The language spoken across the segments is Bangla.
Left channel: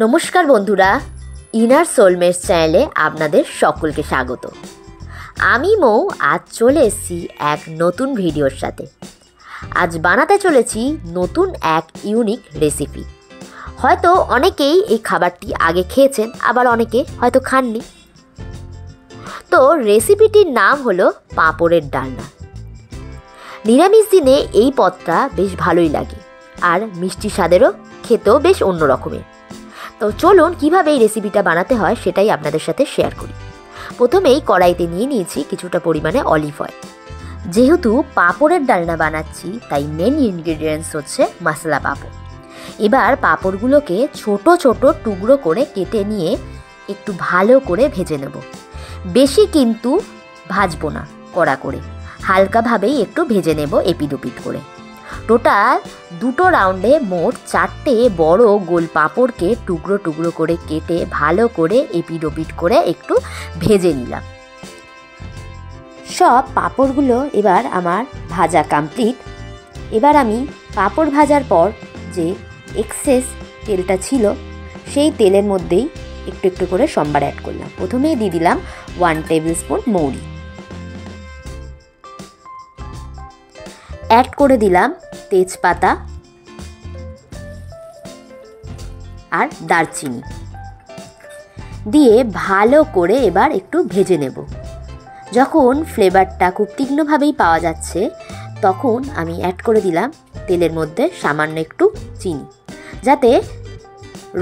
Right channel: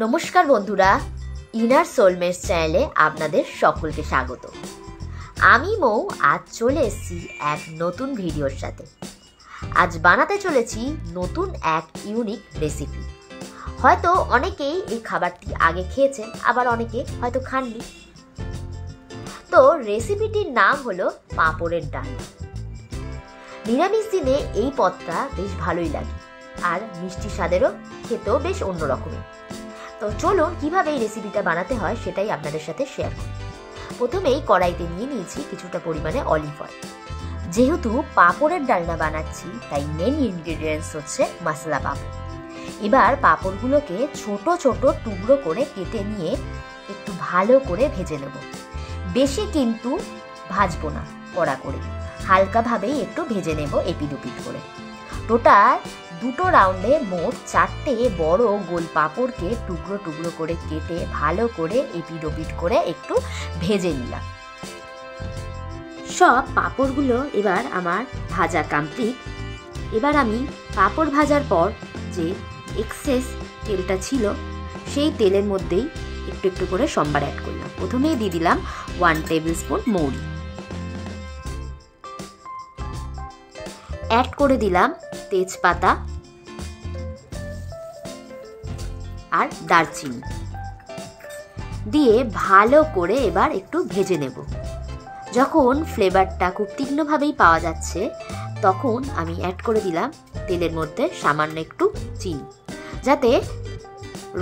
নমস্কার বন্ধুরা, ইনার সোলমেটস চ্যানেলে আপনাদের সকলকে স্বাগত। আমি মৌ আজ চলে এসেছি এক নতুন ভিডিওর সাথে। আজ বানাতে চলেছি নতুন এক ইউনিক রেসিপি। হয়তো অনেকেই এই খাবারটি আগে খেয়েছেন, আবার অনেকে হয়তো খাননি। তো রেসিপিটির নাম হলো পাঁপড়ের ডালনা। নিরামিষ দিনে এই পদটা বেশ ভালোই লাগে, আর মিষ্টি স্বাদেরও খেতেও বেশ অন্যরকমের। তো চলুন কীভাবে এই রেসিপিটা বানাতে হয় সেটাই আপনাদের সাথে শেয়ার করি। প্রথমেই কড়াইতে নিয়ে নিয়েছি কিছুটা পরিমাণে অলিভ অয়েল। যেহেতু পাঁপড়ের ডালনা বানাচ্ছি তাই মেন ইনগ্রিডিয়েন্টস হচ্ছে মশলা পাঁপড়। এবার পাঁপড়গুলোকে ছোট ছোট টুকরো করে কেটে নিয়ে একটু ভালো করে ভেজে নেব। বেশি কিন্তু ভাজবো না, কড়া করে হালকাভাবেই একটু ভেজে নেব এপিড ওপিড করে। টোটাল দুটো রাউন্ডে মোট 4টে বড় গোল পাঁপড়কে টুকরো টুকরো করে কেটে ভালো করে এপিড ওপিড করে একটু ভেজে নিলাম। সব পাঁপড়গুলো এবার আমার ভাজা কমপ্লিট। এবার আমি পাঁপড় ভাজার পর যে এক্সেস তেলটা ছিল সেই তেলের মধ্যেই একটু একটু করে সম্বার অ্যাড করলাম। প্রথমেই দিয়ে দিলাম 1 টেবিল স্পুন মৌরি, অ্যাড করে দিলাম তেজপাতা আর দারচিনি দিয়ে ভালো করে এবার একটু ভেজে নেব। যখন ফ্লেভারটা খুব তীক্ষ্ণভাবেই পাওয়া যাচ্ছে তখন আমি অ্যাড করে দিলাম তেলের মধ্যে সামান্য একটু চিনি, যাতে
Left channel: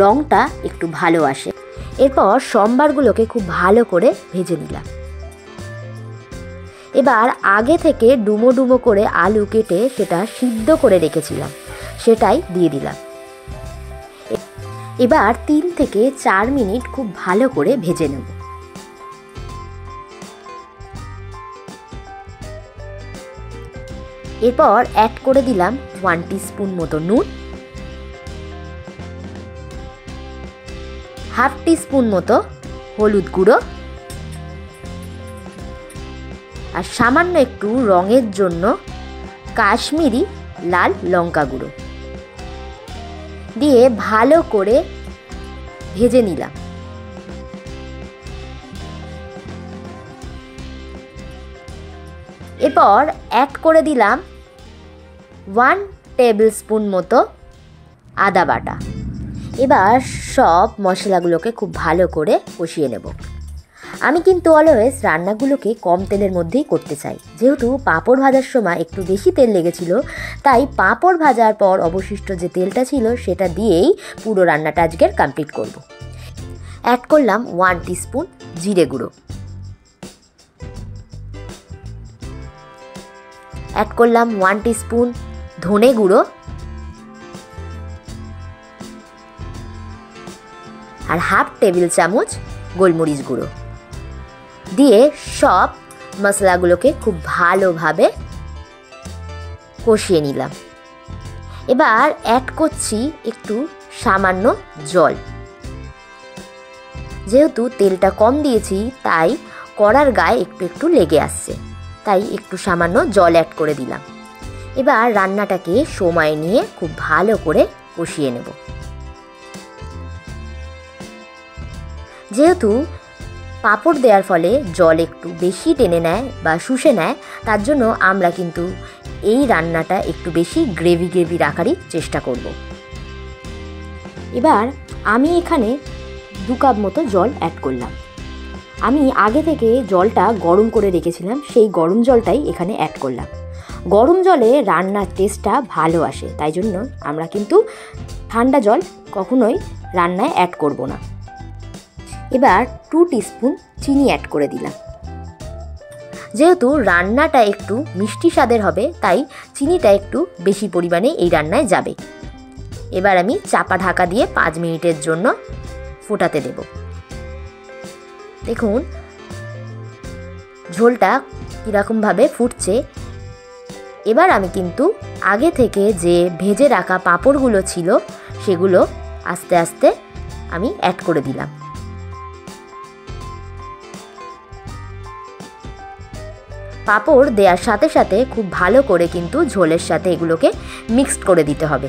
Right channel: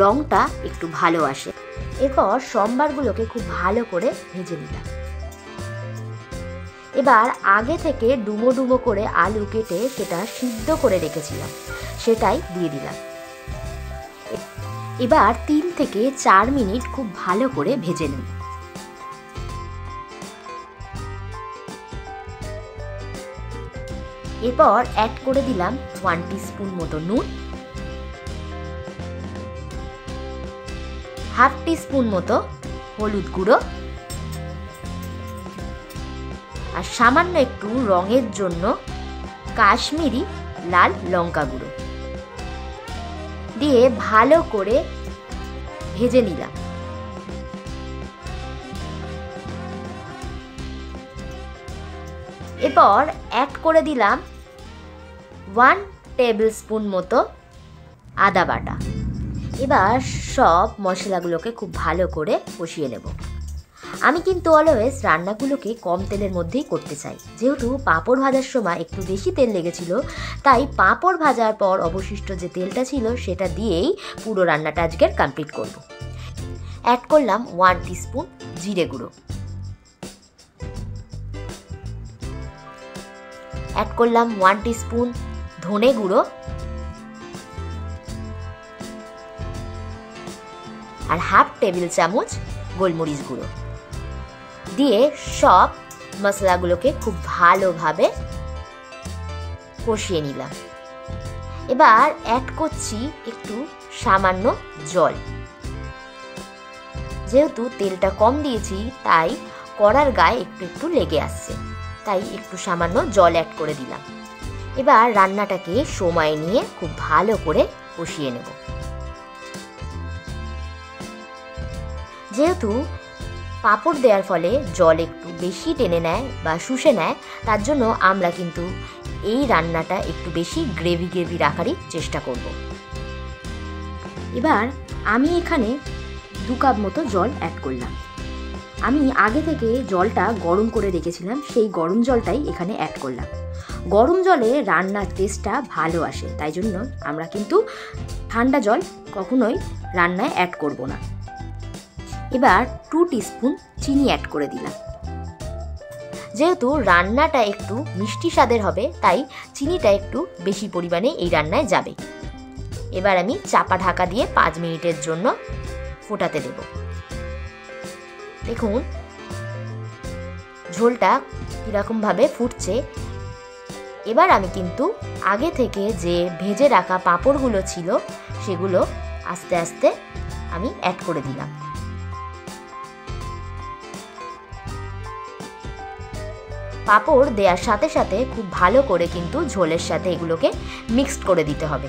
রঙটা একটু ভালো আসে। এরপর সম্বারগুলোকে খুব ভালো করে ভেজে নিলাম। এবার আগে থেকে ডুমো ডুমো করে আলু কেটে সেটা সিদ্ধ করে রেখেছিলাম, সেটাই দিয়ে দিলাম। এবার 3 থেকে 4 মিনিট খুব ভালো করে ভেজে নেব। এরপর অ্যাড করে দিলাম 1 টিস্পুন মতো নুন, হাফ টিস্পুন মতো হলুদ গুঁড়ো, আর সামান্য একটু রঙের জন্য কাশ্মীরি লাল লঙ্কা গুঁড়ো দিয়ে ভালো করে ভেজে নিলাম। এরপর অ্যাড করে দিলাম 1 টেবিল স্পুন মতো আদা বাটা। এবার সব মশলাগুলোকে খুব ভালো করে কষিয়ে নেব। আমি কিন্তু অলওয়েজ রান্নাগুলোকে কম তেলের মধ্যেই করতে চাই। যেহেতু পাঁপড় ভাজার সময় একটু বেশি তেল লেগেছিল, তাই পাঁপড় ভাজার পর অবশিষ্ট যে তেলটা ছিল সেটা দিয়েই পুরো রান্নাটা আজকের কমপ্লিট করব। অ্যাড করলাম 1 টিস্পুন জিরে গুঁড়ো, অ্যাড করলাম 1 টিস্পুন ধনে গুঁড়ো আর হাফ টেবিল চামচ গোলমরিচ গুঁড়ো দিয়ে সব মশলাগুলোকে খুব ভালোভাবে কষিয়ে নিলাম। এবার অ্যাড করছি একটু সামান্য জল। যেহেতু তেলটা কম দিয়েছি তাই কড়ার গায়ে একটু একটু লেগে আসছে, তাই একটু সামান্য জল অ্যাড করে দিলাম। এবার রান্নাটাকে সময় নিয়ে খুব ভালো করে কষিয়ে নেব। যেহেতু পাঁপড় দেওয়ার ফলে জল একটু বেশি টেনে নেয় বা শুষে নেয়, তার জন্য আমরা কিন্তু এই রান্নাটা একটু বেশি গ্রেভি গ্রেভি রাখারই চেষ্টা করব। এবার আমি এখানে 2 কাপ মতো জল অ্যাড করলাম। আমি আগে থেকে জলটা গরম করে রেখেছিলাম, সেই গরম জলটাই এখানে অ্যাড করলাম। গরম জলে রান্নার টেস্টটা ভালো আসে, তাই জন্য আমরা কিন্তু ঠান্ডা জল কখনোই রান্নায় অ্যাড করব না। এবার 2 টিস্পুন চিনি অ্যাড করে দিলাম। যেহেতু রান্নাটা একটু মিষ্টি স্বাদের হবে তাই চিনিটা একটু বেশি পরিমাণে এই রান্নায় যাবে। এবার আমি চাপা ঢাকা দিয়ে 5 মিনিটের জন্য ফোটাতে দেব। দেখুন ঝোলটা কীরকমভাবে ফুটছে। এবার আমি কিন্তু আগে থেকে যে ভেজে রাখা পাঁপড়গুলো ছিল সেগুলো আস্তে আস্তে আমি অ্যাড করে দিলাম। পাঁপড় দেওয়ার সাথে সাথে খুব ভালো করে কিন্তু ঝোলের সাথে এগুলোকে মিক্সড করে দিতে হবে।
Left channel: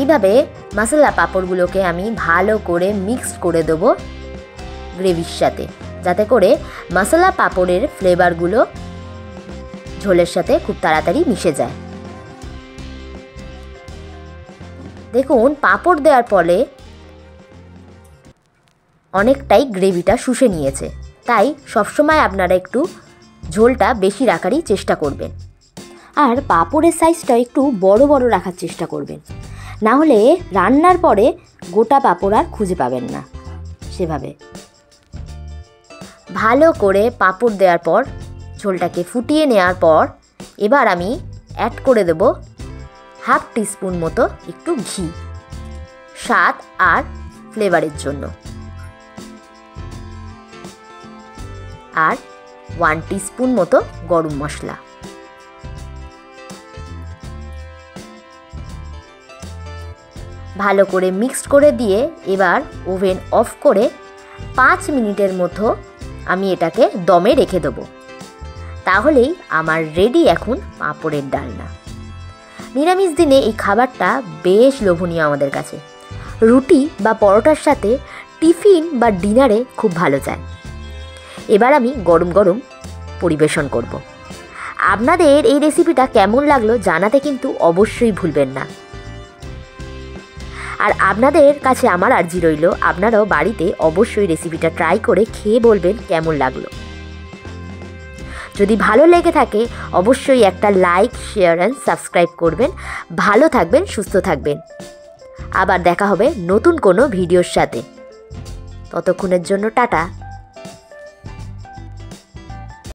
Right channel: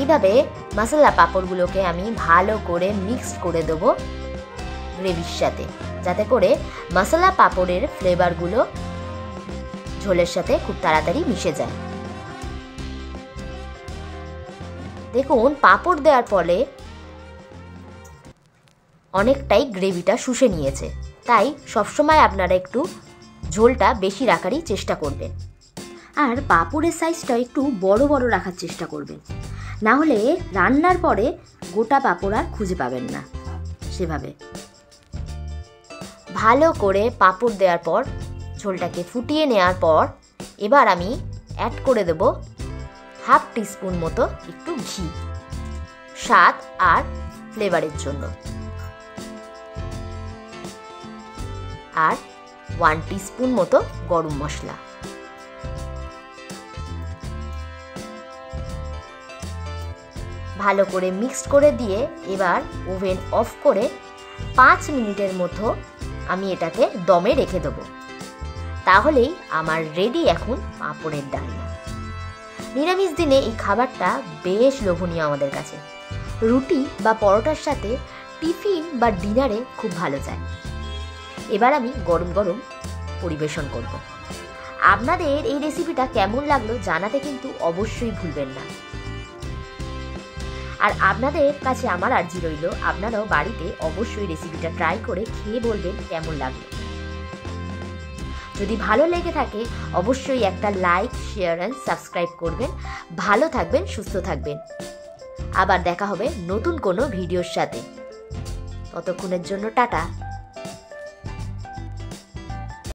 এইভাবে মশলা পাঁপড়গুলোকে আমি ভালো করে মিক্স করে দেবো গ্রেভির সাথে, যাতে করে মশলা পাঁপড়ের ফ্লেভারগুলো ঝোলের সাথে খুব তাড়াতাড়ি মিশে যায়। দেখুন পাঁপড় দেওয়ার ফলে অনেকটাই গ্রেভিটা শুষে নিয়েছে, তাই সবসময় আপনারা একটু ঝোলটা বেশি রাখারই চেষ্টা করবেন। আর পাঁপড়ের সাইজটা একটু বড় বড় রাখার চেষ্টা করবেন, না হলে রান্নার পরে গোটা পাঁপড় আর খুঁজে পাবেন না। সেভাবে ভালো করে পাঁপড় দেওয়ার পর ঝোলটাকে ফুটিয়ে নেওয়ার পর এবার আমি অ্যাড করে দেব হাফ টিস্পুন মতো একটু ঘি, স্বাদ আর ফ্লেভারের জন্য, আর 1 টিস্পুন মতো গরম মশলা। ভালো করে মিক্সড করে দিয়ে এবার ওভেন অফ করে 5 মিনিটের মতো আমি এটাকে দমে রেখে দেবো। তাহলেই আমার রেডি এখন পাঁপড়ের ডালনা। নিরামিষ দিনে এই খাবারটা বেশ লোভনীয় আমাদের কাছে, রুটি বা পরোটার সাথে টিফিন বা ডিনারে খুব ভালো যায়। এবার আমি গরম গরম পরিবেশন করব। আপনাদের এই রেসিপিটা কেমন লাগলো জানাতে কিন্তু অবশ্যই ভুলবেন না। আর আপনাদের কাছে আমার আর্জি রইল, আপনারাও বাড়িতে অবশ্যই রেসিপিটা ট্রাই করে খেয়ে বলবেন কেমন লাগলো। যদি ভালো লেগে থাকে অবশ্যই একটা লাইক, শেয়ার অ্যান্ড সাবস্ক্রাইব করবেন। ভালো থাকবেন, সুস্থ থাকবেন। আবার দেখা হবে নতুন কোনো ভিডিওর সাথে। ততক্ষণের জন্য টাটা।